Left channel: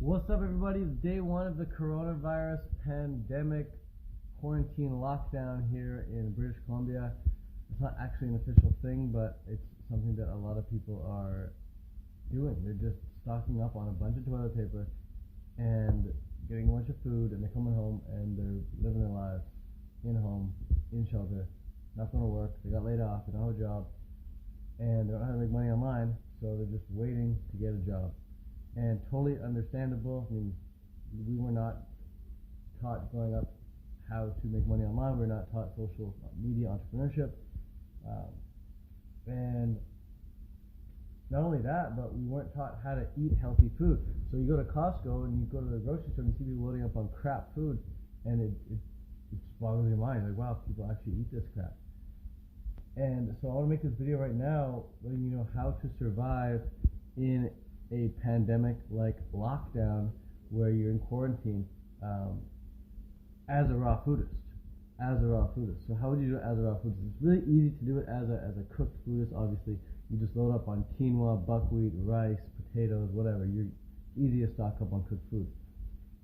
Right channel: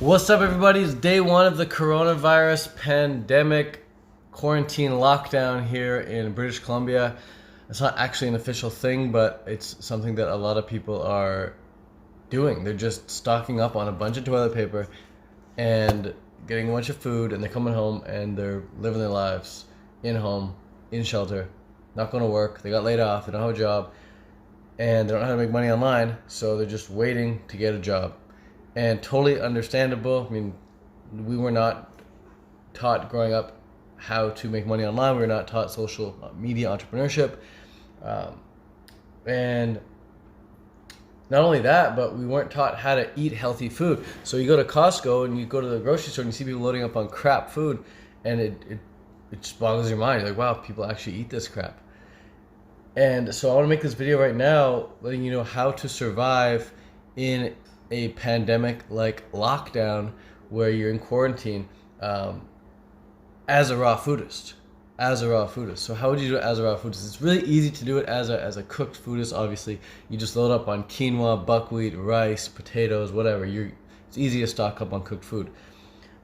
What's up, everybody? It's day one of the coronavirus pandemic quarantine lockdown here in British Columbia. It's not actually an official thing, but it's something that a lot of people are doing. They're just stocking up on a bunch of toilet paper and getting a bunch of food, and they're coming home and they're living their lives in home, in shelter, not going to work. They got laid off, they don't have a job, and they don't know how to make money online, so they're just waiting to get a job. And totally understandable. I mean, we were not taught growing up how to make money online. We were not taught social media entrepreneurship. And not only that, but we weren't taught how to eat healthy food. So you go to Costco and you go to the grocery store and you see people loading up on crap food, and it just boggles your mind. You're like, wow, people actually eat this crap. And so I want to make this video right now letting you know how to survive in a pandemic like lockdown where you're in quarantine as a raw foodist. So how would you do it as a raw foodist? It's really easy to do it as a cooked foodist. Obviously, you just load up on quinoa, buckwheat, rice, potatoes, whatever. It's easy to stock up on cooked food.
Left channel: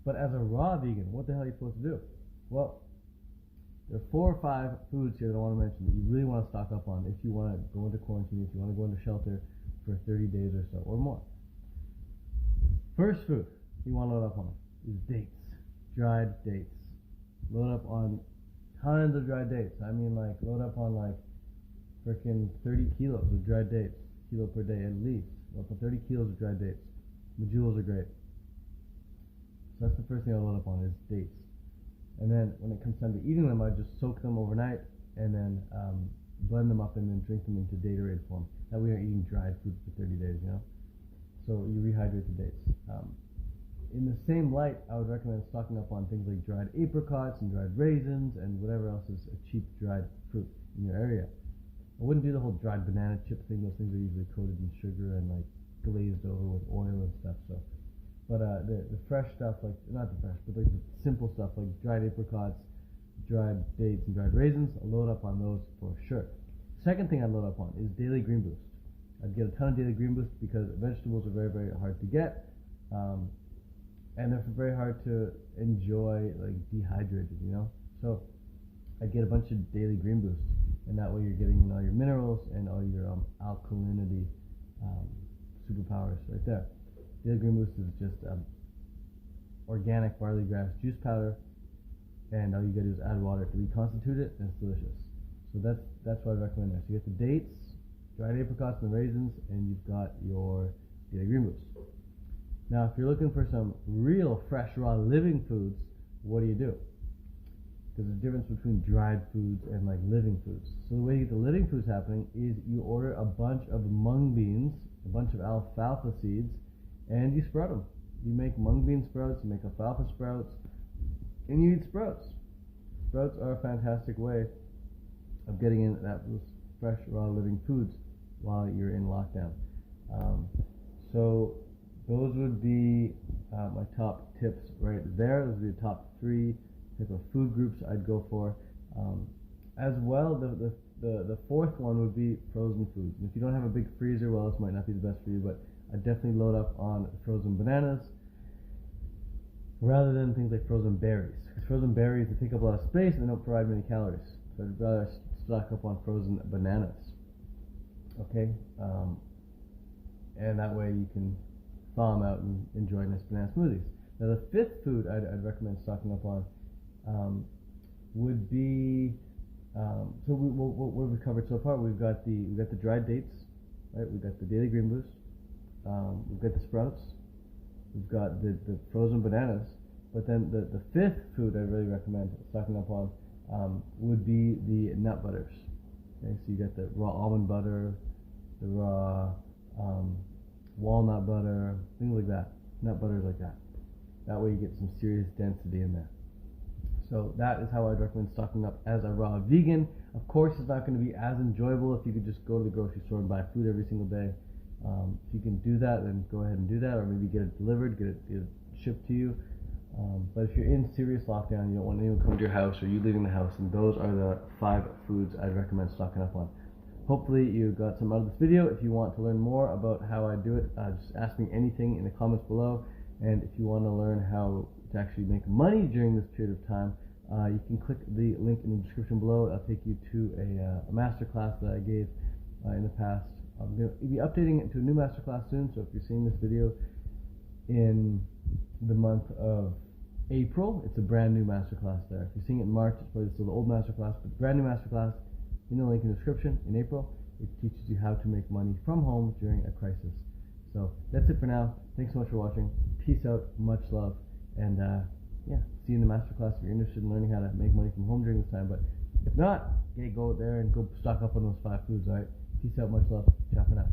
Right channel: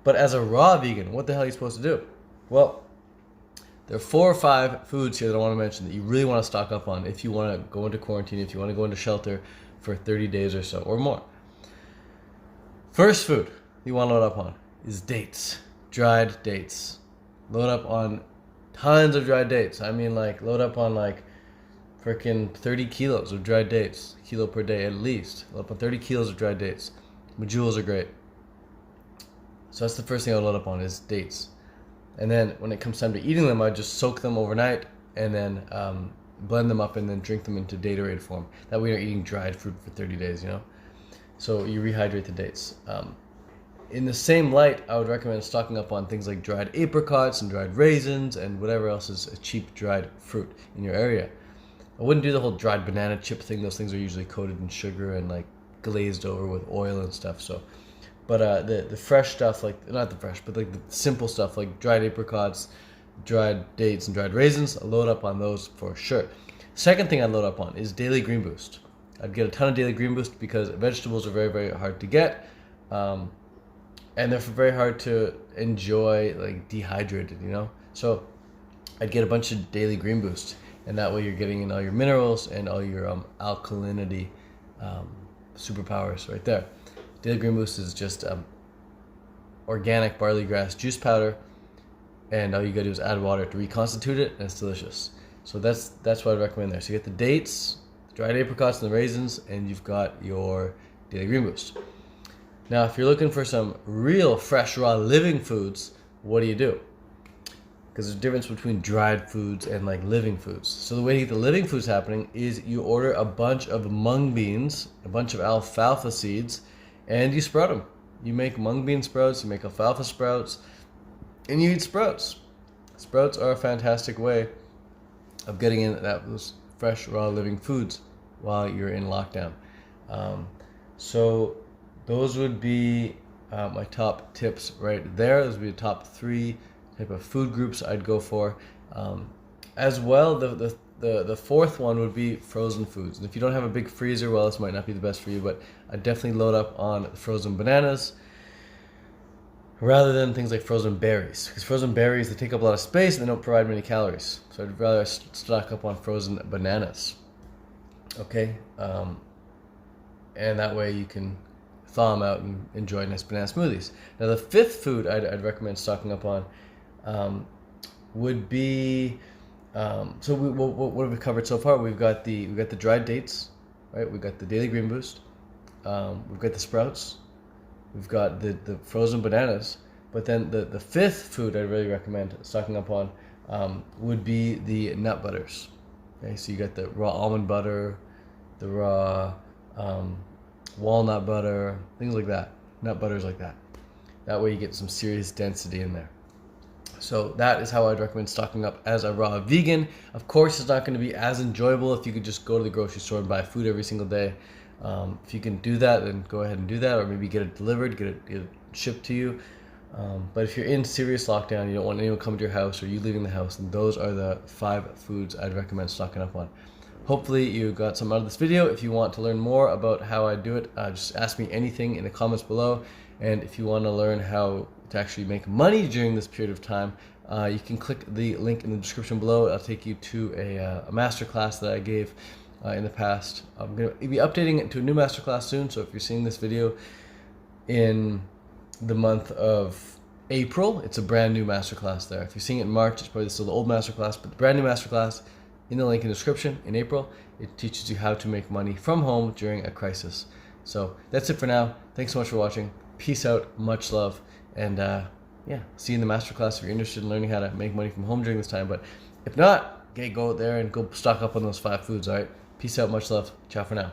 But as a raw vegan, what the hell are you supposed to do? Well, there are 4 or 5 foods here that I want to mention that you really want to stock up on if you want to go into quarantine, if you want to go into shelter for 30 days or so or more. First food you want to load up on is dates, dried dates. Load up on tons of dried dates. I mean, like, load up on like freaking 30 kilos of dried dates, kilo per day at least. Load up on 30 kilos of dried dates. Medjool are great. So that's the first thing I would load up on is dates. And then when it comes time to eating them, I just soak them overnight and then blend them up and then drink them into Datorade form. That way you're eating dried fruit for 30 days, you know? So you rehydrate the dates. In the same light, I would recommend stocking up on things like dried apricots and dried raisins and whatever else is a cheap dried fruit in your area. I wouldn't do the whole dried banana chip thing. Those things are usually coated in sugar and like glazed over with oil and stuff. So, but the fresh stuff, like not the fresh, but like the simple stuff like dried apricots, dried dates, and dried raisins, I'll load up on those for sure. Second thing I'd load up on is Daily Green Boost. I'd get a ton of Daily Green Boost because vegetables are very, very hard to get, and they're very hard to enjoy like dehydrated, you know. So I'd get a bunch of Daily Green Boost, and that way you're getting in all your minerals and all your alkalinity superpowers right there. Daily Green Boost is just organic barley grass juice powder, and all you gotta do is add water to reconstitute it, and it's delicious. So that's what I'd recommend there. So you get the dates, dried apricots and the raisins, and you've got your Daily Green Boost. Now, if you're looking for some real fresh, raw, living foods, what do you do? Because there's a difference between dried foods and like living foods. So the way to get the living foods happening is you order a bunch of mung beans, a bunch of alfalfa seeds, and you sprout them. You make mung bean sprouts, you make alfalfa sprouts, and you eat sprouts. Sprouts are a fantastic way of getting in those fresh, raw, living foods while you're in lockdown. So those would be my top tips right there. Those would be the top 3 type of food groups I'd go for. As well, the fourth one would be frozen foods. And if you don't have a big freezer, well, this might not be the best for you, but I'd definitely load up on frozen bananas rather than things like frozen berries. Because frozen berries, they take up a lot of space and they don't provide many calories. So I'd rather stock up on frozen bananas. Okay? And that way you can thaw them out and enjoy nice banana smoothies. Now the 5th food I'd recommend stocking up on would be, so what have we covered so far? We've got the dried dates, right? We've got the Daily Green Boost. We've got the sprouts. We've got the frozen bananas. But then the 5th food I'd really recommend stocking up on would be the nut butters. Okay, so you got the raw almond butter, the raw walnut butter, things like that. Nut butters like that. That way you get some serious density in there. So that is how I'd recommend stocking up as a raw vegan. Of course, it's not going to be as enjoyable if you could just go to the grocery store and buy food every single day. If you can do that, then go ahead and do that, or maybe get it delivered, get it shipped to you. But if you're in serious lockdown, you don't want anyone coming to your house or you leaving the house, then those are the 5 foods I'd recommend stocking up on. Hopefully you got some out of this video. If you want to learn more about how I do it, just ask me anything in the comments below, And if you want to learn how to actually make money during this period of time, you can click the link in the description below. I'll take you to a masterclass that I gave in the past. I'm going to be updating it to a new masterclass soon, so if you're seeing this video in the month of April, it's a brand new masterclass there. If you're seeing it in March, it's probably still the old masterclass, but the brand new masterclass in the link in the description in April, it teaches you how to make money from home during a crisis. So that's it for now. Thanks so much for watching. Peace out, much love, and yeah, see you in the masterclass if you're interested in learning how to make money from home during this time. But if not, okay, go out there and go stock up on those 5 foods, all right? Peace out, much love. Ciao for now.